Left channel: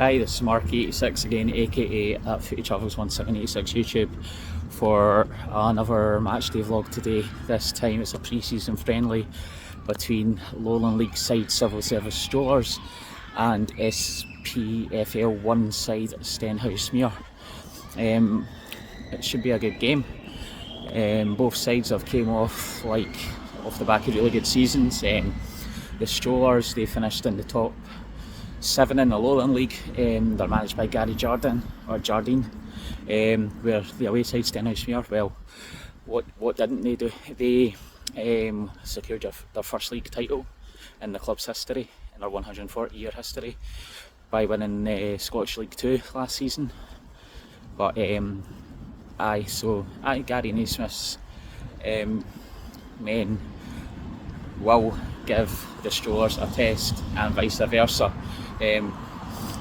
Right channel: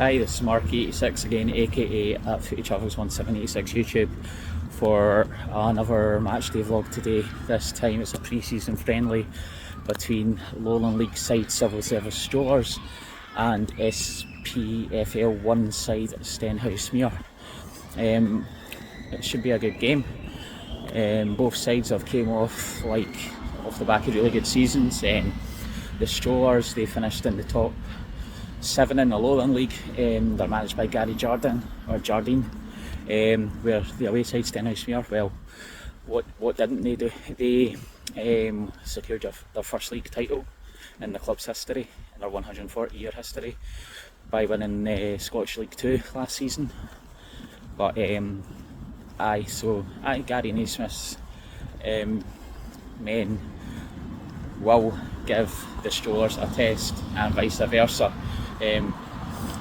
Hi, this is Mark86 again, aka at Footy Travels 1786 YouTube, for another matchday vlog today. This time it's a pre-season friendly between Lowland League side Civil Service Strollers and SPFL1 side Stenhousemuir. It should be a good game. Both sides have came off the back of really good seasons. The Strollers, they finished in the top 7 in the Lowland League. They're managed by Gary Jardine, where the away side Stenhousemuir, well, what didn't they do? They secured their first league title in the club's history, in their 140-year history, by winning Scottish League 2 last season. But Gary Naismith's men will give the Strollers a test and vice versa.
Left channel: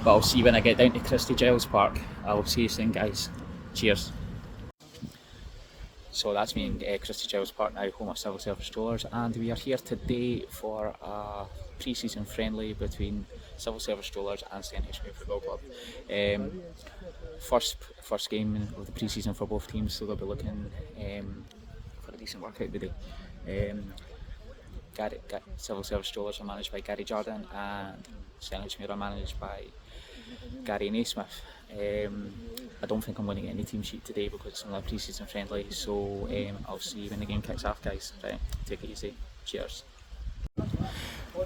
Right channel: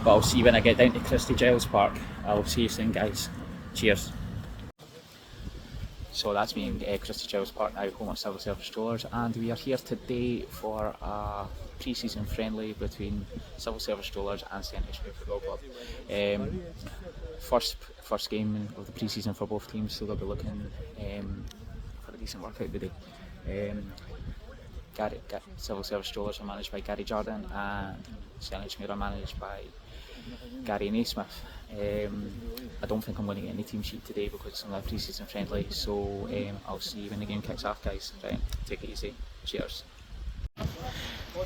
But I'll see you when I get down to Christie Gilles Park. I'll see you soon, guys. Cheers. So that's me in Christie Gilles Park now, home of Civil Service Strollers, and we are here today for a pre-season friendly between Civil Service Strollers and Stenhousemuir Football Club. First game of the pre-season for both teams, so they'll be looking for a decent workout today. Civil Service Strollers are managed by Gary Jardine and Stenhousemuir are managed by Gary Naismith. I don't think I'm going to get any team sheet today because it's only a pre-season friendly, so I'll see you when the game kicks off, guys. Right, take it easy. Cheers.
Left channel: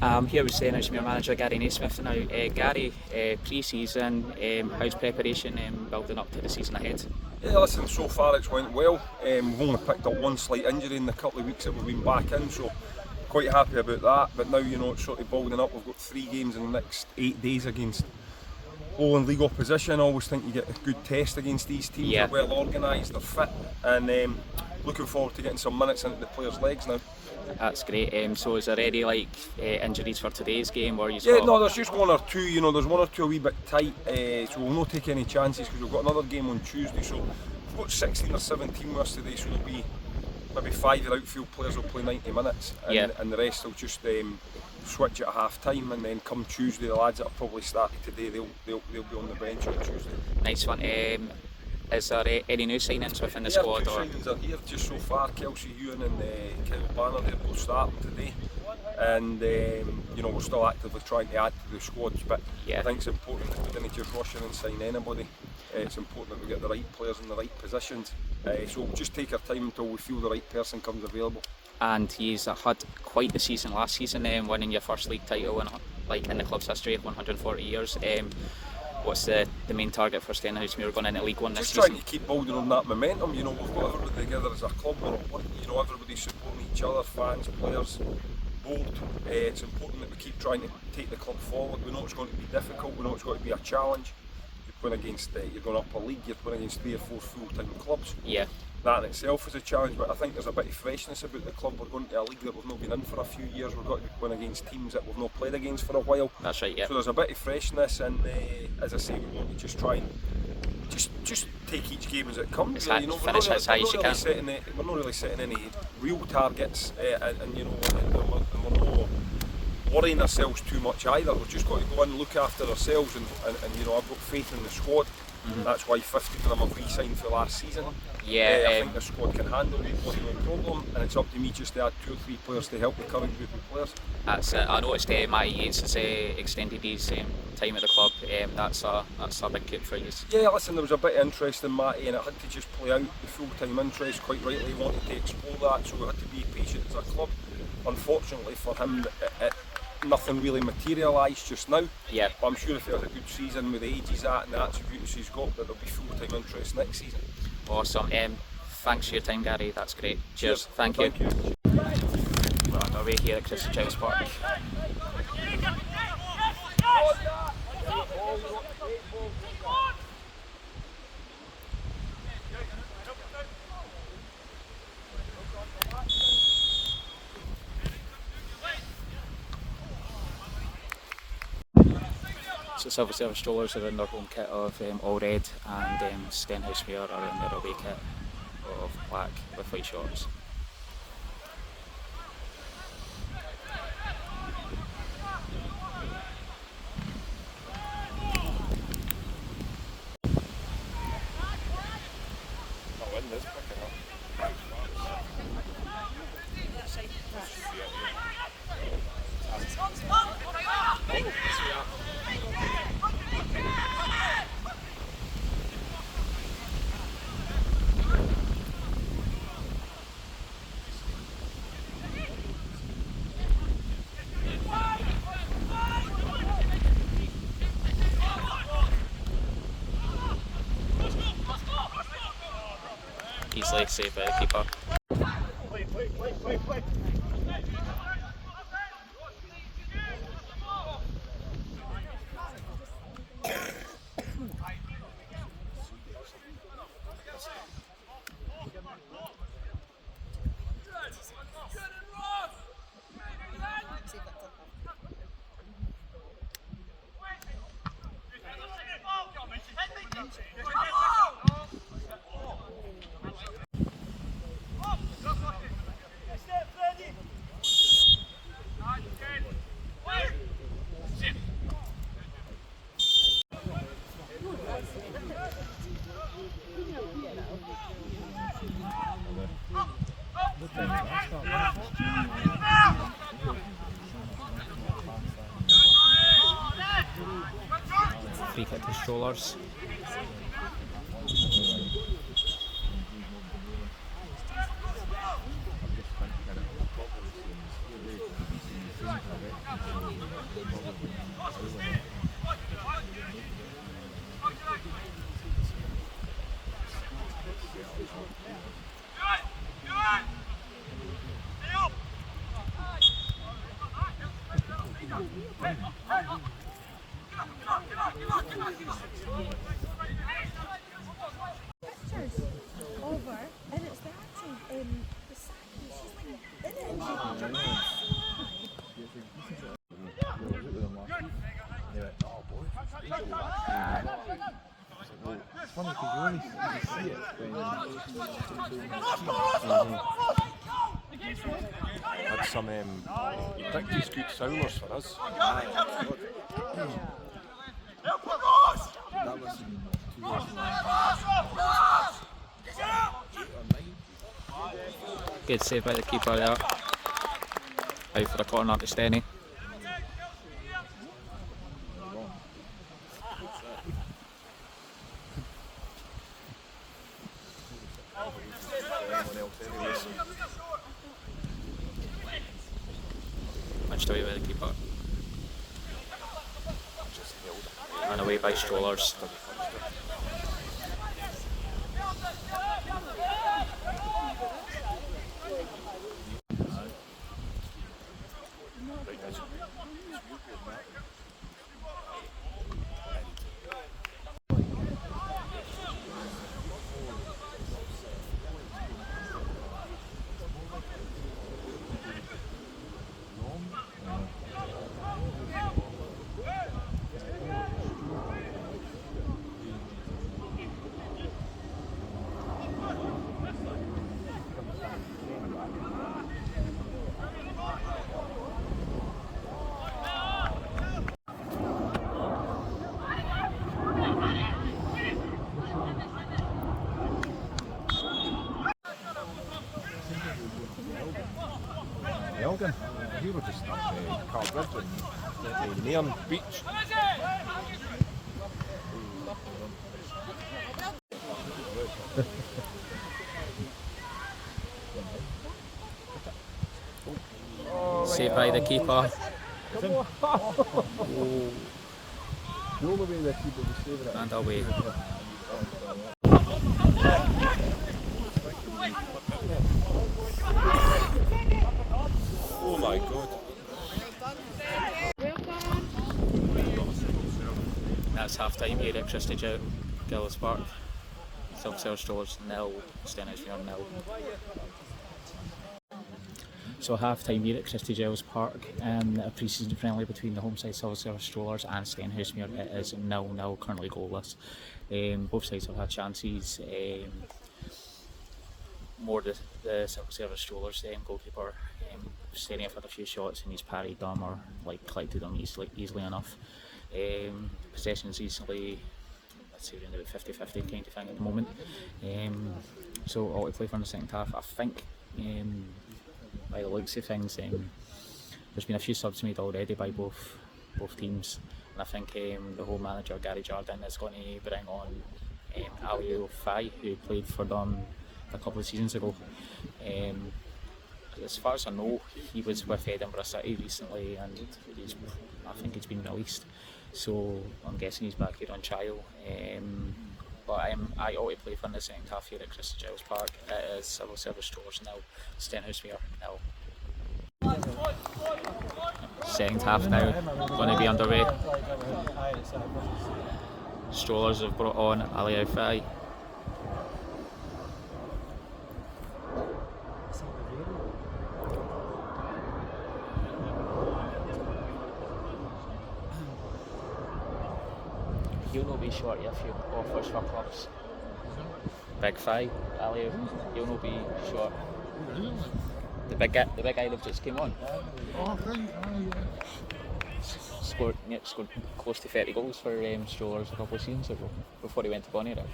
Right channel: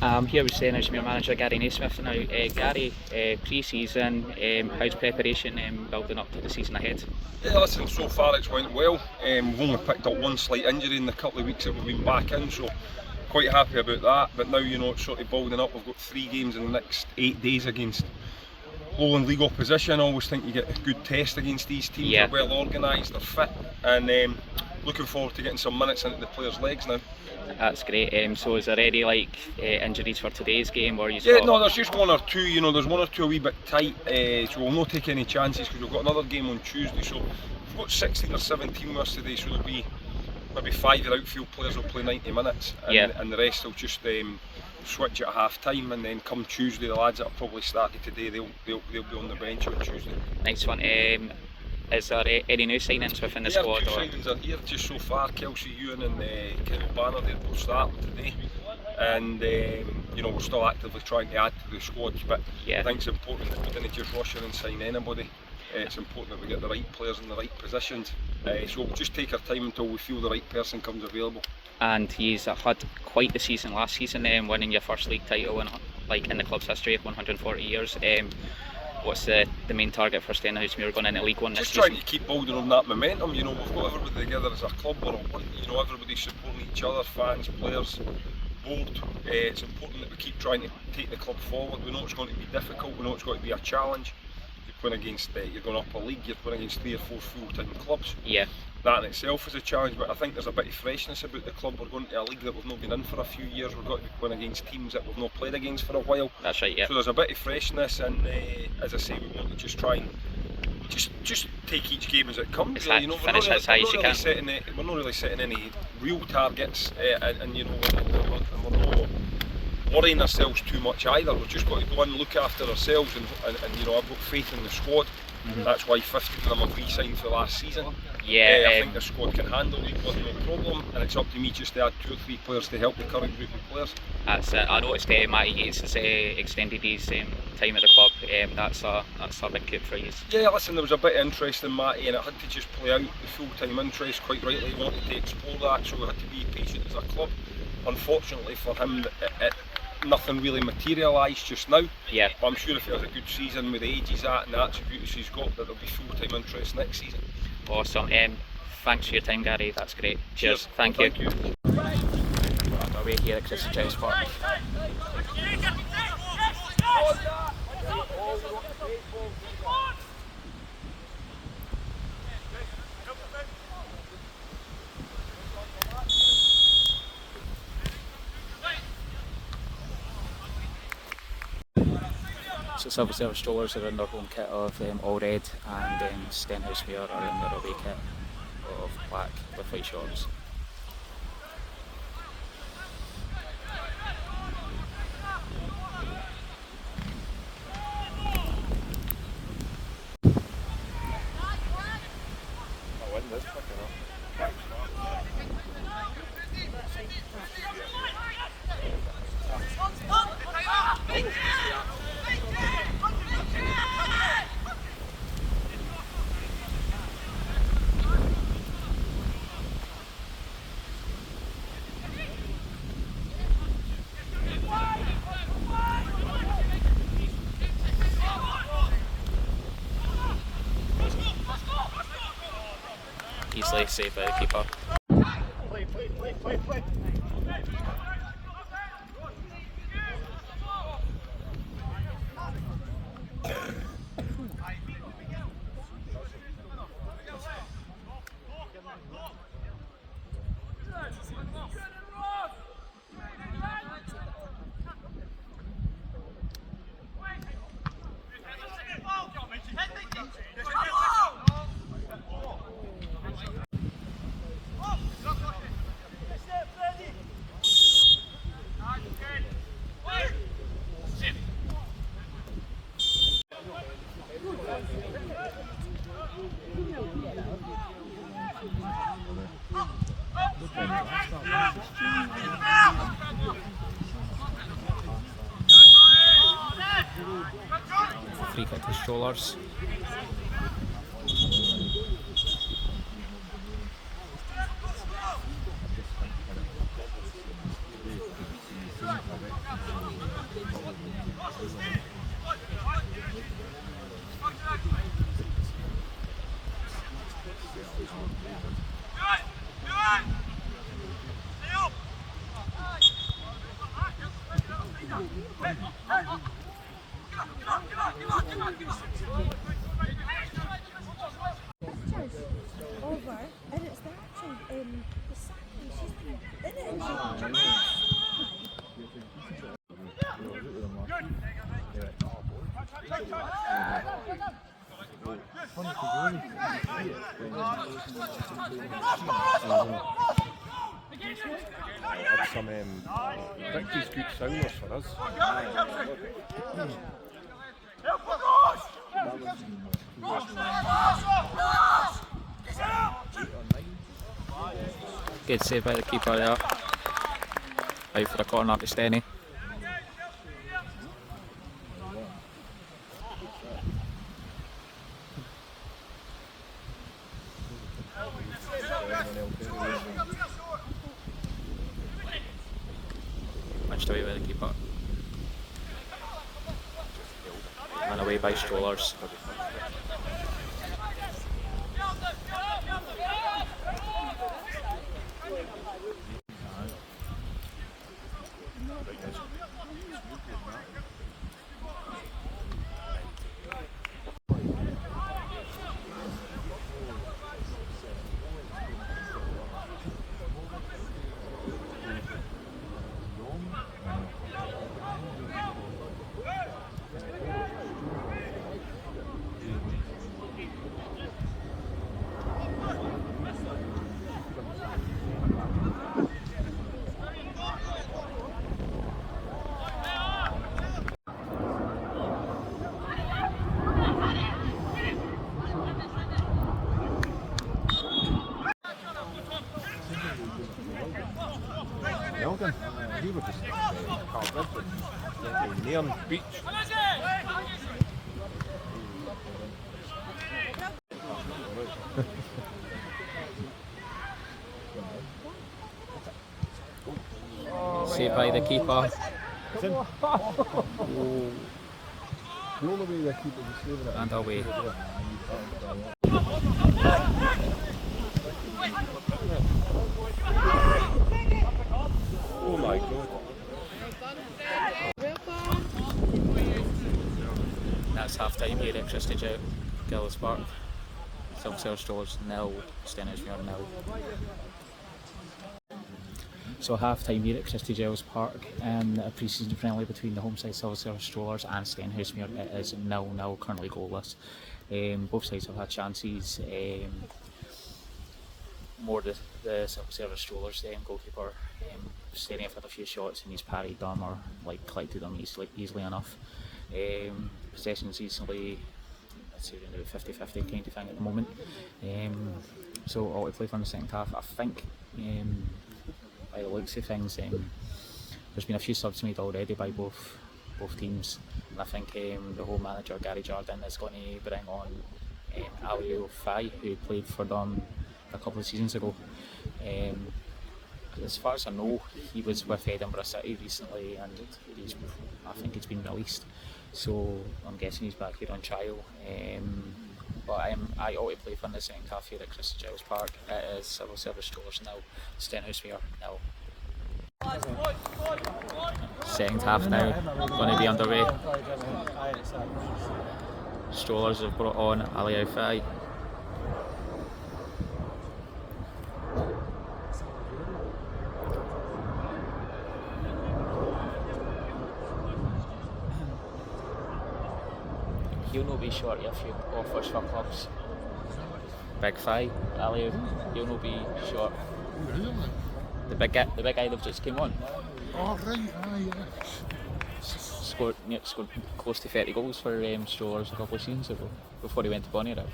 I'm here with Stenhousemuir manager Gary Naismith now. Gary, pre-season, how's preparation building up to the season ahead? Yeah, listen, so far it's went well. We've only picked up one slight injury in the couple of weeks that we've been back in, so quite happy about that. But now, you know, it's sort of building up. We've got 3 games in the next 8 days against Lowland League opposition. I always think you get a good test against these teams. Yeah. They're well organised, they're fit, and looking forward to getting some minutes into the players' legs now. That's great. So is there any injuries for today's game, or no, there's just 1 or 2. You know, there's 1 or 2 a wee bit tight, so we'll not take any chances because we've got another game on Tuesday. So we've got 16 or 17 with us today, so there'll be maybe 5 of the outfield players will play 90 minutes, and the rest will just switch at half time, and then come Tuesday, the lads that have probably started today, they'll be on the bench on Tuesday. Nice one. Is there any new signings within the squad? 2 signings are here just so far. Kelsey Ewan and Kevin Banner, they're both starting today, and you know, we're still actively trying to add to the squads, but I think it's important that we didn't just rush in and sign anybody. It's important that we get the right players in the right positions, so we'll just take our time until we feel the right person comes available. And he's had quite the season last season, winning your first league title in the club's history of 140 years. What's the main target for Stenhousemuir going into League 1 this season? Just trying to keep building on that momentum. You know, we've got everybody together as a club. You know, everybody's supporting each other, fans, players, board. It's important that we keep trying to take the club forward. We know it's going to be difficult. We know it's going to be a challenge. You're going against, you're going up a league. You're going against 3 or 4 full-time clubs. Yeah. That in itself is a challenge, but I think there's a bit of freshness about the club. We're going to a league that we've not been in for a few years. We've got to be going against teams that we've not played against for a while. That's right, yeah. So there's a bit of freshness, and as I say, we want to just try and just take each game as it comes. You know, finish as high as you can. We're not really setting any real targets, and you know, we're not worrying ourselves too much either. We've just got to go in and look after ourselves, and you know, I've got faith in the squad. That's why 50 of them have re-signed for last season. Yeah, I think the squad can handle it with no problem, and it's up to me just to add 2 or 3 players to help the current group of players. That's I noticed Matty Yates has extended his time at the club. That's a big coup for you. Yeah, listen, there was a bit of interest in Matty, and it had to just play out the full-time interest. Quite rightly, he wanted to explore that, so we had to be patient as a club. Unfortunately for him, nothing really materialised just now. Yeah. But I'm sure if he has a good season with the age he's at and the attributes he's got, that there'll be full-time interest next season. Awesome. Thanks for your time, Gary. That's great. Cheers. Thank you. We're on our way here at Christie Gilles Park. So Civil Service Strollers are in their home kit of all red, and Stenhousemuir are in their away kit of black with white shorts. nicely saved by the keeper. Free kick to Strollers. Had some pretty good sounders for us. Good save by the keeper there. Out for a corner to Stenny. Punched away by the keeper. And away by Strollers. Elgin, he was just Nairn Beach. Saved by the keeper. And away. Oh my God. That's half time here at Christie Gilles Park. Civil Service Strollers 0, Stenhousemuir 0. So half time here at Christie Gilles Park, a pre-season friendly between the home side Civil Service Strollers and Stenhousemuir. It is 0-0, currently goalless. Both sides have had chances. More the Civil Service Strollers goalkeeper. Stenny have had a few shots and he's parried them or collected them easily enough. Possessions recently, let's say around about 50-50 kind of thing at the moment. So all to play for in the second half. I think by the looks of things, there's been a few subs made already by both teams, and I think the home manager Gary Jardine is going to bring on Ali Fai, who played for them a couple of seasons ago. As far as I know, he was with Edinburgh City recently, and I think he's been released. So I'm guessing he's back here on trial. but I ought to play for in the second half here at Christie Gilles Park. It is Civil Service Strollers 0, Stenhousemuir 0. Second half now, going to be underway. Strollers have brought on Ali Fai. He'll not be short of a few offers for clubs. Big Fi, Ali, he'll not be short. The big guy that just came on. Oh, right, Scored close to 30 goals for Strollers a couple of seasons ago, before he went to Bonnyrigg.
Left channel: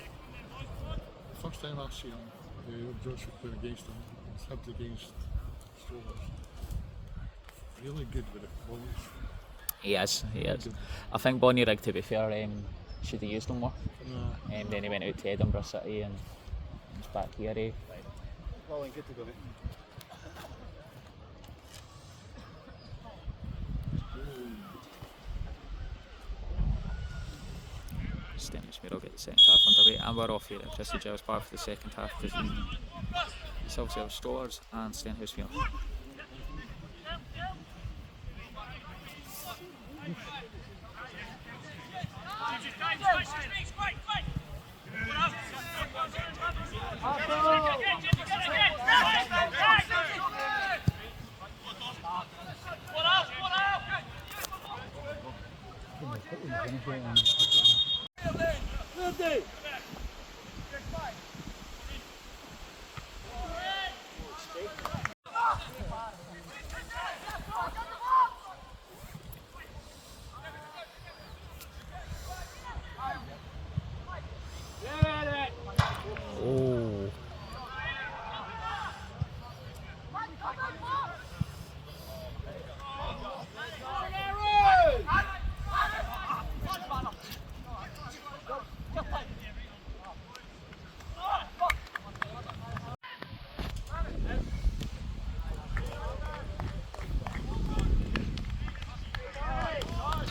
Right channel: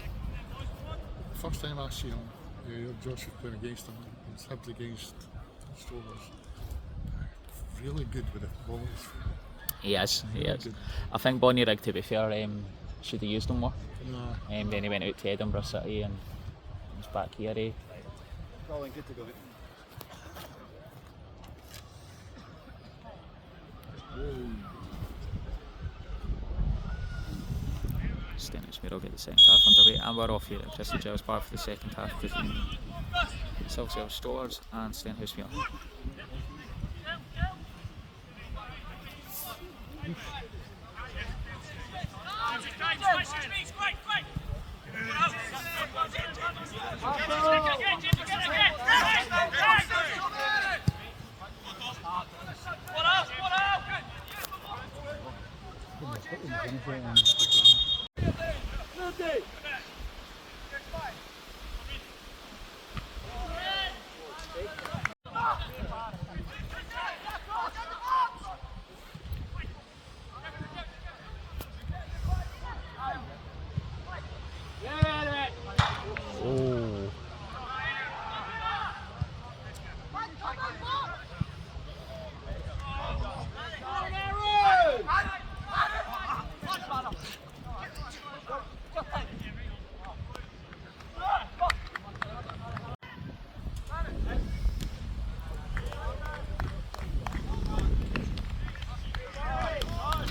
First time I seen him, George was playing against him, and Hibs against Strollers. Really good with it, balls. He is. I think Bonnyrigg, to be fair, should have used him more. No. Then he went out to Edinburgh City and he's back here. Stenhousemuir will get the second half underway, and we're off here at Christie Gilles Park for the second half between Civil Service Strollers and Stenhousemuir.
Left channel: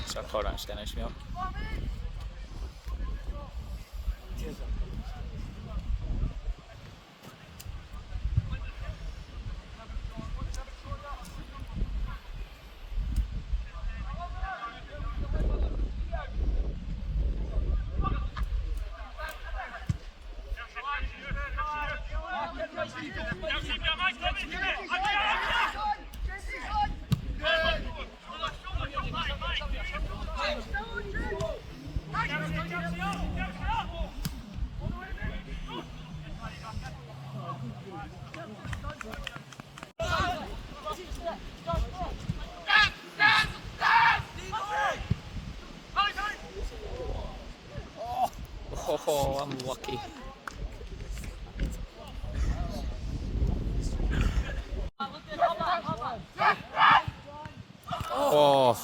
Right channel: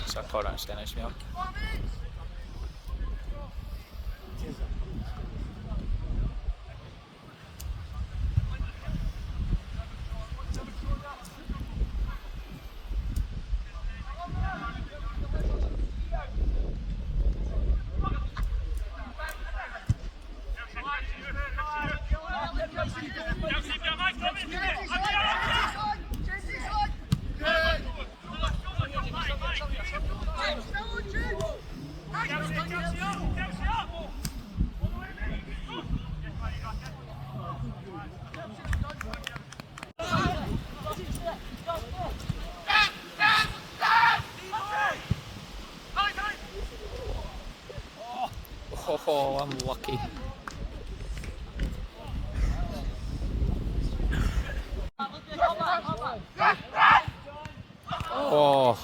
So I caught out Stenhousemuir. Oh, I'm lucky. Oh.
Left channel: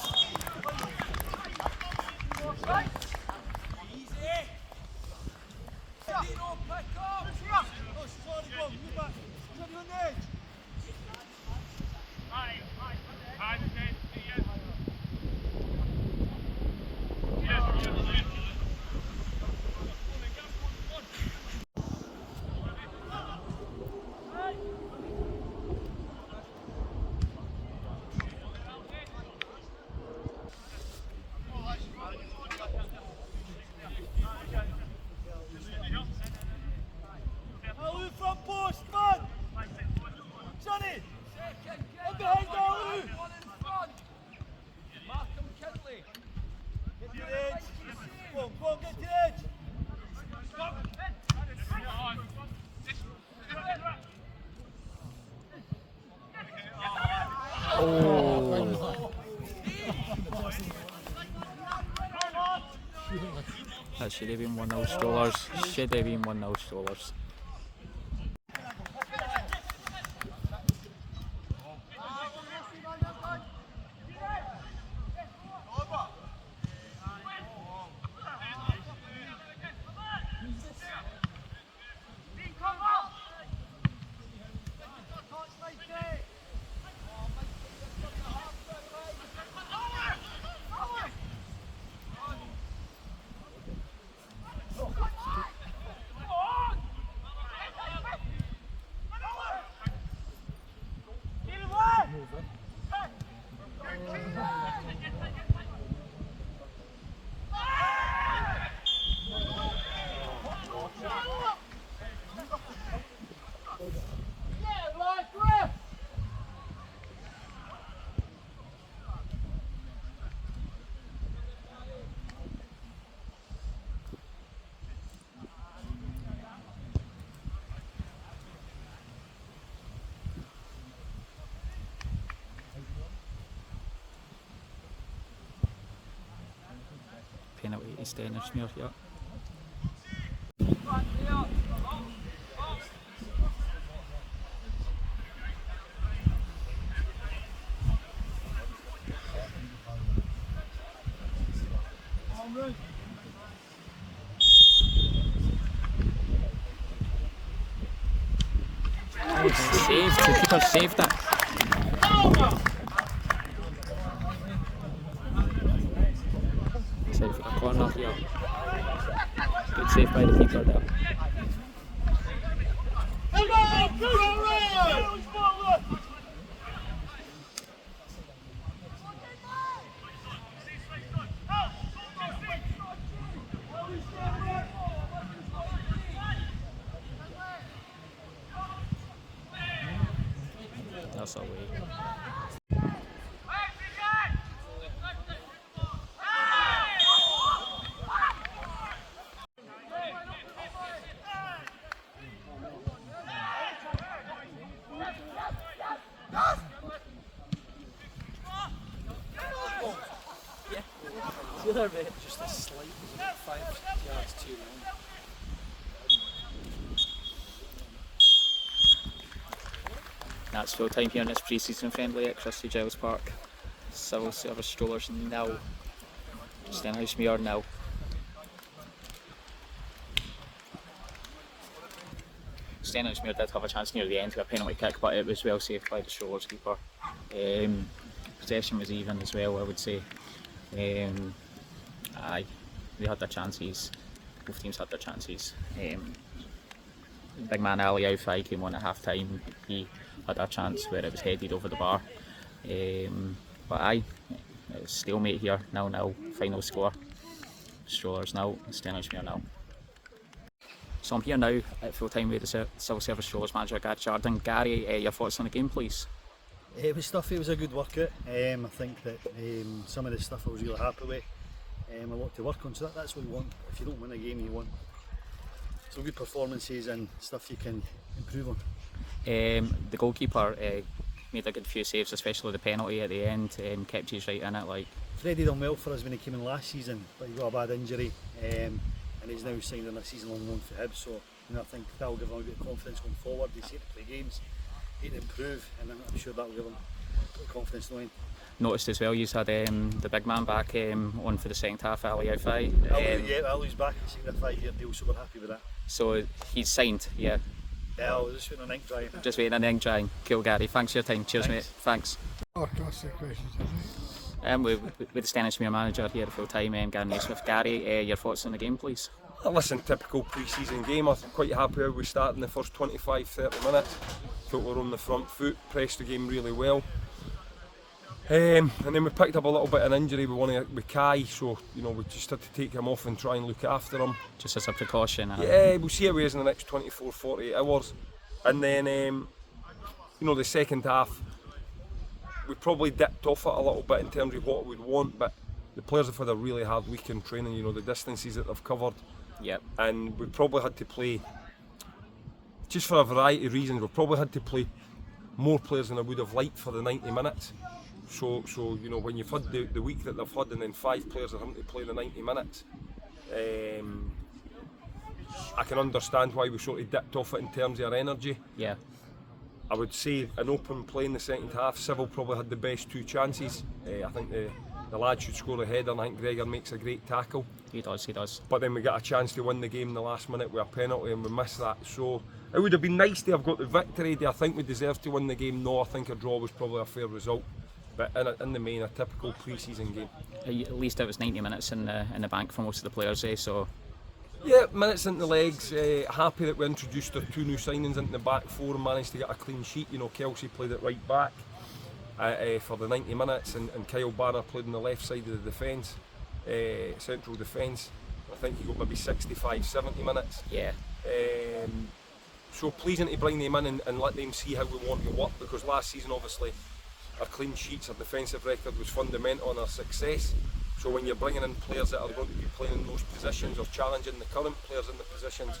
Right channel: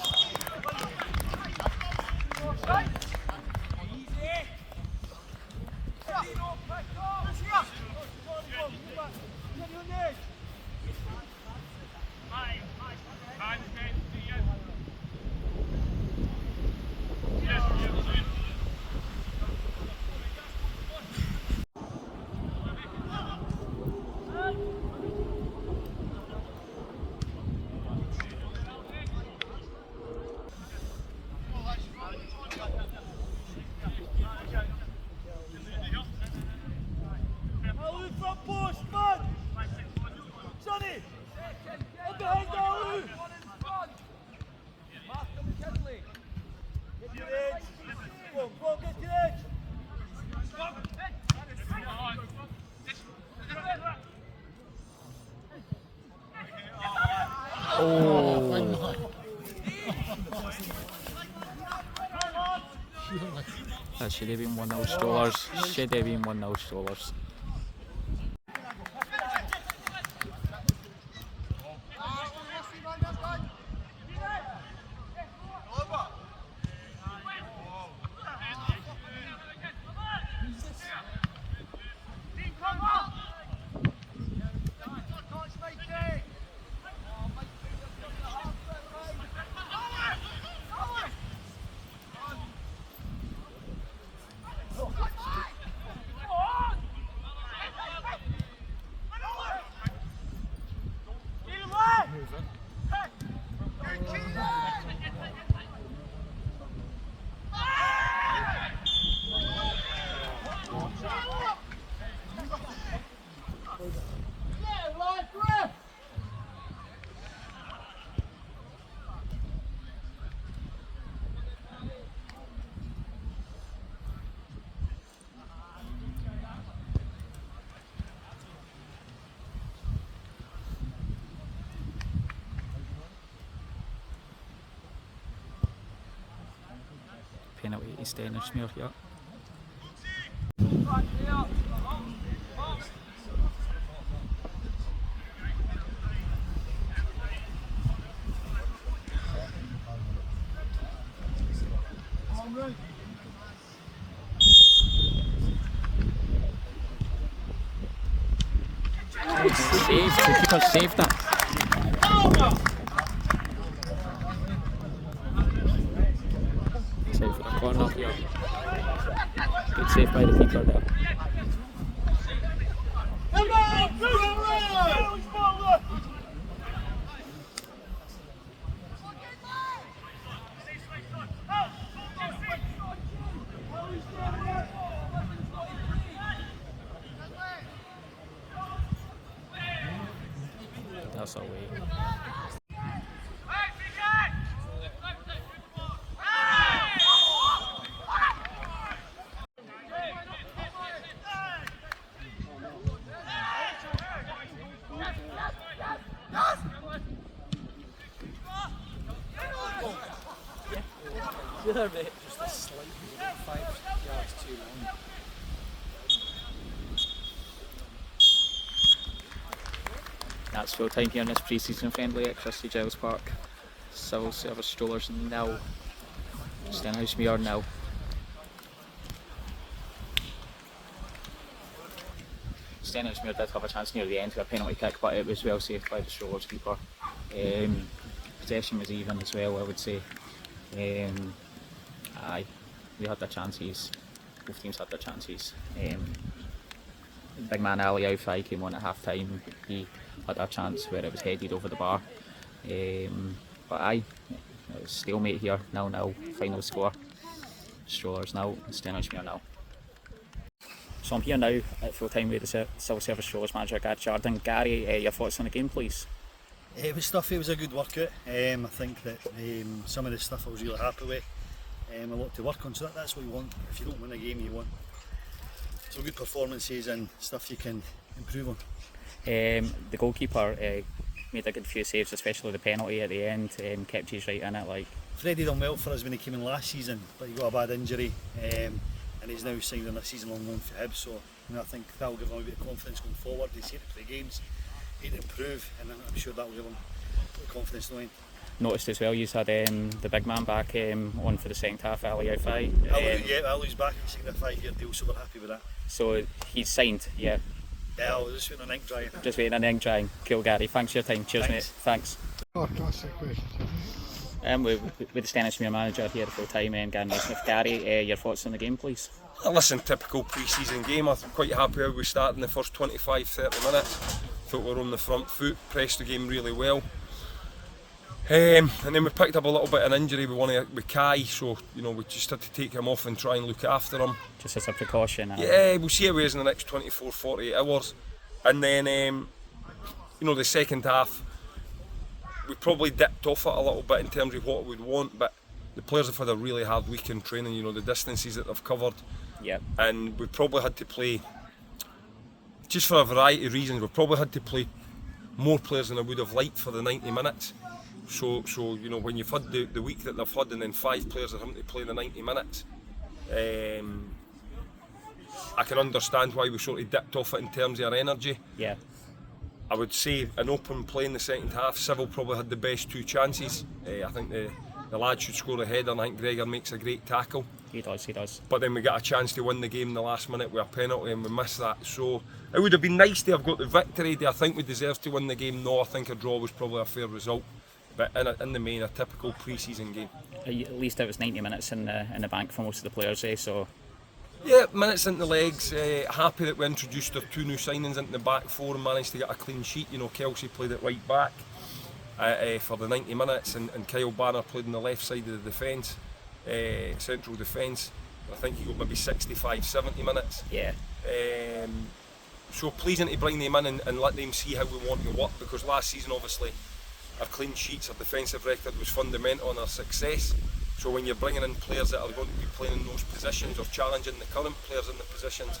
Oh. That should have been 1-0 Strollers. Should have been 1-0 Strollers. Penalty to Stenhousemuir, yeah. Saved, the keeper saved that. Save for the corner here. Good save by the keeper there. That's away. Just a slight 5 yards too long. That's full time here in this pre-season friendly at Christie Gilles Park. Civil Service Strollers 0, Stenhousemuir 0. Stenhousemuir did have a chance near the end to a penalty kick, but it was well saved by the Strollers keeper. Possession was even as well, I would say. Aye, we had their chances. Both teams had their chances. Big man Ali Aufai came on at half time. He had a chance where it was headed over the bar. But aye, it was stalemate here, 0-0, final score. Strollers 0, Stenhousemuir 0. So I'm here now at full time with the Civil Service Strollers manager Gary Jardine. Gary, your thoughts on the game, please? It was tough, it was a good workout. I think that some of the stuff I was really happy with. A lot to work on, so that's what you want. If you don't win a game, you want some good performances and stuff you can improve on. The goalkeeper made a good few saves, especially the penalty at the end, kept you right in it. Like Freddie done well for us when he came in last season, but he got a bad injury and he's now signed on a season-long loan for Hibs, so I think that will give him a bit of confidence going forward. He's here to play games, here to improve, and I'm sure that will give him a bit of confidence knowing. Noticed as well, you had the big man back on for the second half, Ali Aufai. Ali's back, he's signed a 5-year deal, so we're happy with that. So he's signed, yeah? Yeah, I was just waiting on ink drying. Just waiting on ink drying. Cool, Gary. Thanks for your time. Cheers, mate. Thanks. Oh, classic question. With the Stenhousemuir manager here at full time, Gary Naismith. Gary, your thoughts on the game, please? Listen, typical pre-season game. I'm quite happy how we started in the first 25-30 minutes. Thought we were on the front foot, pressed the game really well. And then we picked up a little bit of an injury with Kai, so we just had to take him off and try and look after him. Just as a precaution? Yeah, we'll see how he is in the next 24-48 hours. And then, the second half, we probably dipped off it a little bit in terms of what we'd want, but the players have had a really hard week in training, the distances that they've covered. Yep. And we probably had to play, just for a variety of reasons, we probably had to play more players than I would have liked for the 90 minutes. So when you've had the week that they've had and then 5 players are having to play the 90 minutes, I can understand why we sort of dipped off it in terms of our energy. Yeah. I would say an open play in the second half. Civil probably had the best 2 chances. I think the lad should score a header, and I think Gregor makes a great tackle. He does. But then we got a chance to win the game in the last minute with a penalty and we missed that. So it would have been nice to have got the victory. Do I think we deserved to win the game? No, I think a draw was probably a fair result. But in the main, a typical pre-season game. At least it was 90 minutes in the bank for most of the players, so... Yeah, minutes into the legs. Happy that we introduced our 2 new signings into the back 4 and managed to get a clean sheet. Kelsey played it right back. for the 90 minutes, and Kyle Banner played on the left side of the defence, central defence. I think he got maybe 65, 70 minutes. Yeah. So pleasing to bring them in and let them see how we want to work, because last season obviously our clean sheets, our defensive record was fundamental in our success. So when you're bringing in players that are going to be playing in those positions or challenging the current players in the positions,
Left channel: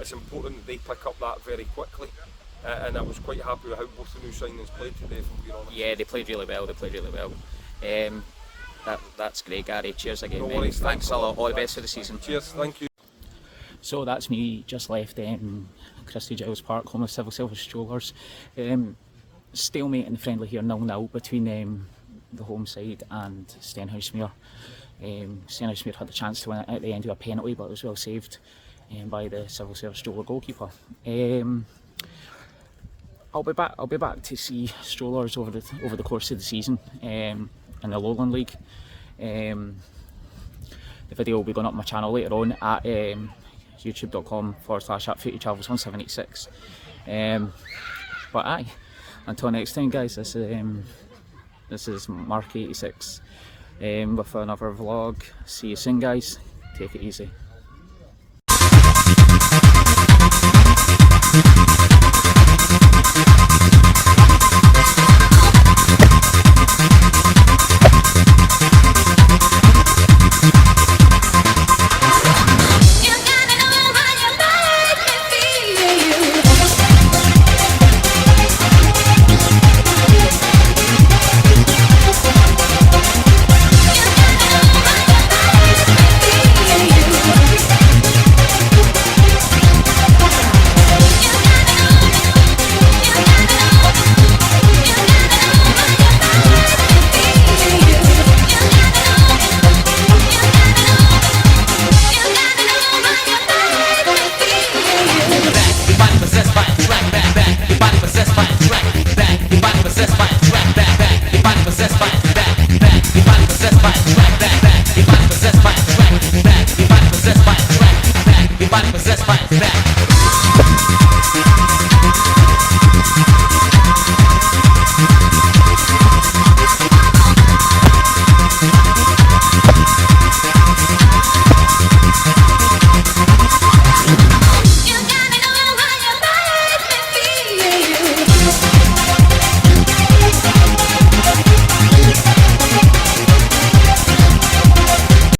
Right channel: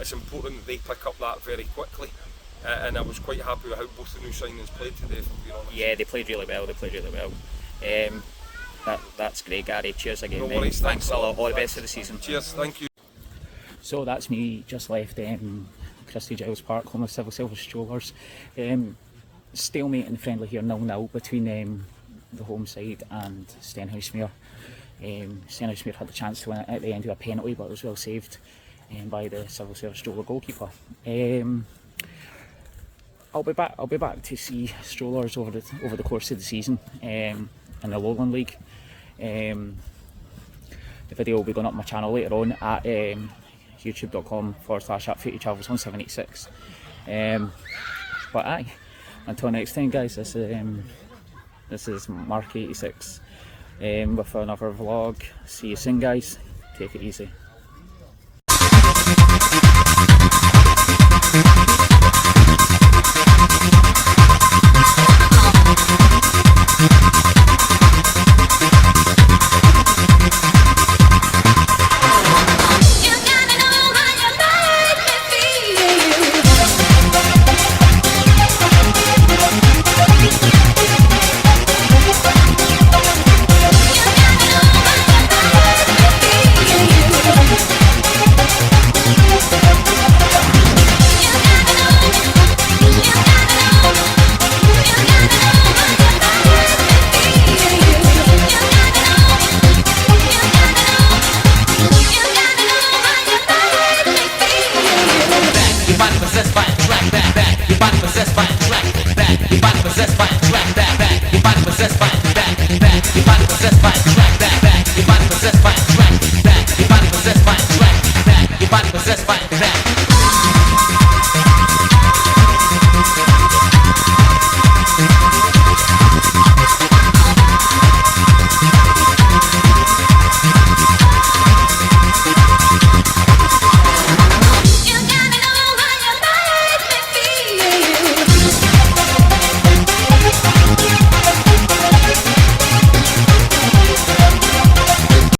it's important that they pick up that very quickly. And I was quite happy with how both the new signings played today, if I'm being honest. Yeah, they played really well. That's great, Gary. Cheers again. No worries, thanks a lot. All the best for the season. Cheers, thank you. So that's me just left Christie Gilles Park, home of Civil Service Strollers. Stalemate in the friendly here, 0-0 between the home side and Stenhousemuir. Stenhousemuir had the chance to win it at the end of a penalty, but it was well saved by the Civil Service Stroller goalkeeper. I'll be back to see Strollers over the course of the season in the Lowland League. The video will be going up on my channel later on at youtube.com/@FootyTravels1786. But aye, until next time, guys, this is Mark86 with another vlog. See you soon, guys. Take it easy. Possessed by back.